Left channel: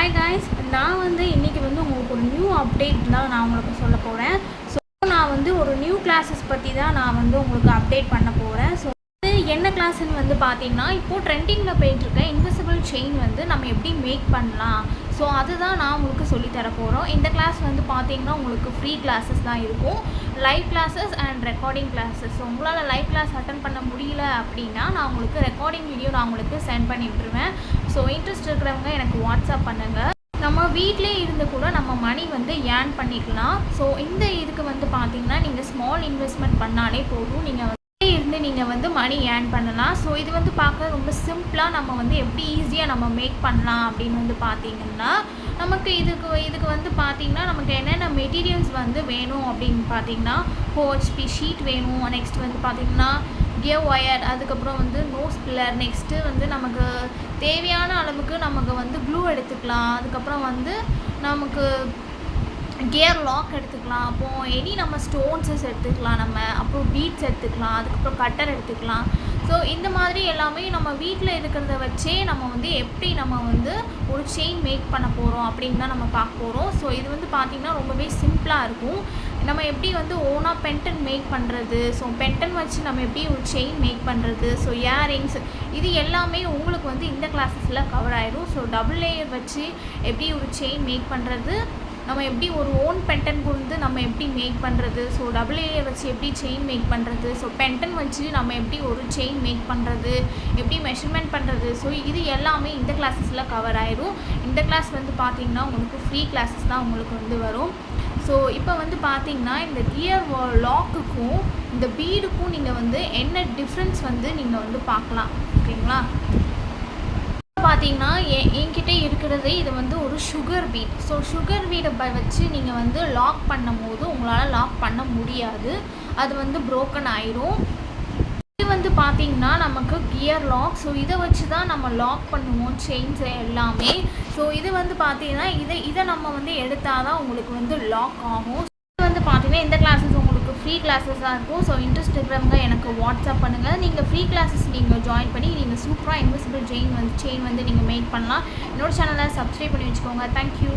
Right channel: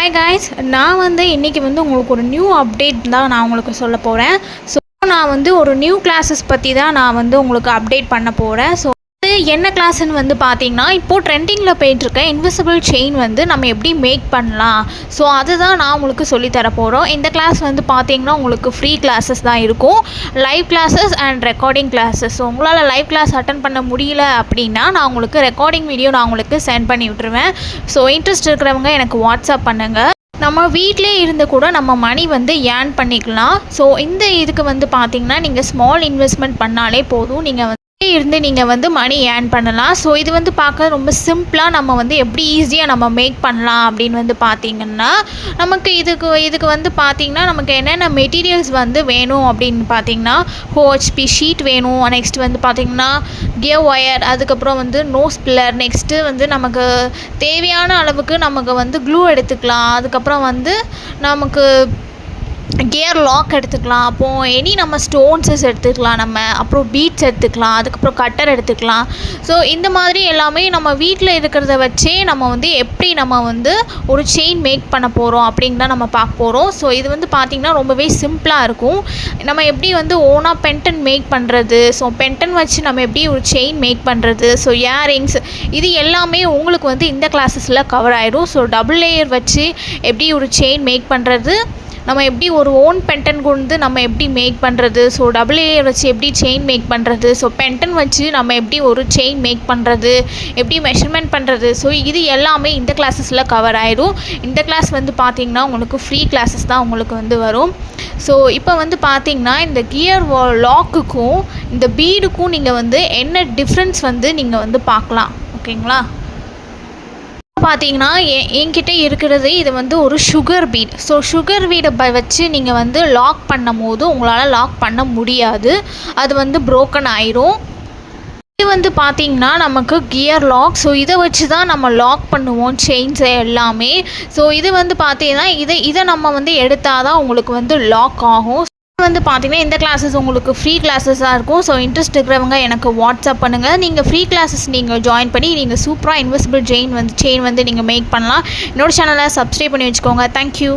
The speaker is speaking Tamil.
ஹாய் காய்ஸ், நான் இன்றைக்கி உங்களுக்கு ஒரு நியூ அப்டேட் தான் நான் உங்களுக்கு சொல்ல போகிறேன். ஸோ நான் ஒரு நியூ கிளாஸஸ் பற்றி தான் நான் உங்களுக்கு அப்டேட் பண்ண போகிறேன். ஸோ என்ன கிளாஸ்ன்னு பார்த்தீங்கன்னா, இப்போது ட்ரெண்டிங்கில் போயிட்டுருக்க இன்விசிபிள் செயின் நம்ம எப்படி மேக் பண்ணலாம், ஸோ அதுதான் நான் உங்களுக்கு சொல்லித்தர போகிறோம். இந்த கிளாஸ் பார்த்தீங்கன்னா உங்களுக்கு ஃப்ரீ கிளாஸஸ் தான் இருக்கும், live classes and recording classes. So உங்களால் லைவ் கிளாஸ் அட்டன் பண்ண முடியல அப்படின்னா நான் உங்களுக்கு ரெக்கார்டிங் வீடியோ நான் உங்களுக்கு சென்ட் பண்ணி விட்டுருவேன். ஸோ இன்ட்ரெஸ்ட் இருக்கிறவங்க எனக்கு வாட்ஸ்அப் பண்ணுங்கள். நம்ம வீட்டிலே இருந்து கூட நம்ம மணி ஏர்ன் பண்ணிக்கலாம். ஸோ இந்த இதுக்கு பார்த்தீங்கன்னா நீங்கள் ஸ்மால் இன்வெஸ்ட்மெண்ட் பண்ணாலே போதும், நீங்கள் இருந்து நீங்கள் மணி ஏர்ன் பண்ணலாம். ஸோ இது பார்க்க ரொம்ப சிம்பிளாக நம்ம எப்படி ஈஸியாக நம்ம மேக் பண்ணலாம் அப்படின்னு பார்த்தீங்கன்னா, நமக்கு இதுக்கு பார்த்தீங்கன்னா நமக்கு என்னென்ன மெட்டீரியல்ஸ் வேணும் அப்படின்னு பார்த்தீங்கன்னா, ஹோஹெச்பி ஷீட் வேணும். நெக்ஸ்ட் பார்த்தீங்கன்னா கியர் ஒயர், அதுக்கப்புறம் நோஸ் பில்லர். நெக்ஸ்ட்டு நமக்கு தேவையான அளவுக்கு நமக்கு க்ளூ எடுத்துக்கலாம். அதுக்கப்புறம் நமக்கு கியர் லாக் எடுத்துக்கலாம். அப்போது நம்ம ஸ்டோன்ஸஸ் எடுத்துக்கலாம், அப்புறம் பீட்ஸ் எடுத்துக்கலாம், அதுக்கப்புறம் கட்டர் எடுத்துக்கலாம். ஸோ இந்த மாதிரி எல்லாமே நம்ம வீட்டில் இருக்கிறத வச்சே நம்ம எப்படி நம்ம ஒரு செயின் மேக் பண்ண போகிறோம் அப்படின்னு தான் நம்ம பார்க்க போகிறோம். ஸோ இது பார்த்திங்கன்னா ரொம்பவே சிம்பிளாக இருக்கும். நம்ம எப்படி ஓனாக பென்டன் மேக் பண்ணுறது, ஸோ பென்டன் வச்சு நம்ம எப்படி ஒரு செயின் மேக் பண்ணுறது, ஸோ இயரிங்ஸ், இது எல்லாமே உங்களுக்கு இந்த கிளாஸஸில் கவர் ஆகிடும். ஸோ டபுள் லேயர் வச்சு எப்படி ஒரு செயின் மேக் பண்ணுறது, நம்ம எப்படி ஒரு ஓன் பென்டன் கொண்டு நம்ம எப்படி மேக் பண்ணுறது, ஸோ டபுள் லேயர் வச்சு எப்படி செயின் மேக் பண்ணுறது, ஸோ பென்டன் வச்சு நம்ம எப்படி ஒரு செயின் மேக் பண்ணுறது, எப்படி மெஷர்மெண்ட் பண்ணுறது, ஸோ இது எல்லாமே இந்த கிளாஸஸில் கவர் ஆகிடும். இந்த கிளாஸ் பார்த்திங்கன்னா உங்களுக்கு ஃப்ரீ கிளாஸஸ் தான் உங்களுக்கு வரும். ஸோ இப்போ பார்த்திங்கன்னா இந்த கியர் லாக்குக்கும் இந்த பீடுக்கும் நீங்கள் என்ன டிஃப்ரென்ஸ் நீங்கள் பார்க்கலாம். ஓகேங்களா? பார்த்தீங்கன்னா என்கிட்ட இருக்கிறது இது ஒரு சுகர் பீட். ஸோ சுகர் பீடை வச்சு நீங்கள் லாக் பண்ணும் போது உங்களால் லாக் பண்ண முடியாது, அது ப்ரோக்கன் ஆயிரும். இது பார்த்தீங்கன்னா நமக்கு கியர் லாக். ஸோ இதை வச்சு தான் நம்ம லாக் பண்ணுவோம் செயின்ஸை எல்லாமே. ஸோ இது பார்த்தீங்கன்னா இதை நம்ம எடுத்தால் தான் உங்களுக்கு லாக் ஆகும். பார்த்தீங்கன்னா இந்த கிளாஸஸ் உங்களுக்கு ஃப்ரீ கிளாஸஸாக இருக்கும். ஸோ இன்ட்ரெஸ்ட் இருக்கிறவங்க எனக்கு வாட்ஸ்அப் பண்ணுங்கள். நீங்கள் ஃப்ரீ கிளாஸஸ் நீங்கள் ஜாயின் பண்ணி நீங்கள் சூப்பராக இன்விசிபிள் செயின் நீங்கள் மேக் பண்ணலாம். என்னோட சேனலை சப்ஸ்கிரைப் பண்ணி வச்சுக்கோங்க. தேங்க்யூ.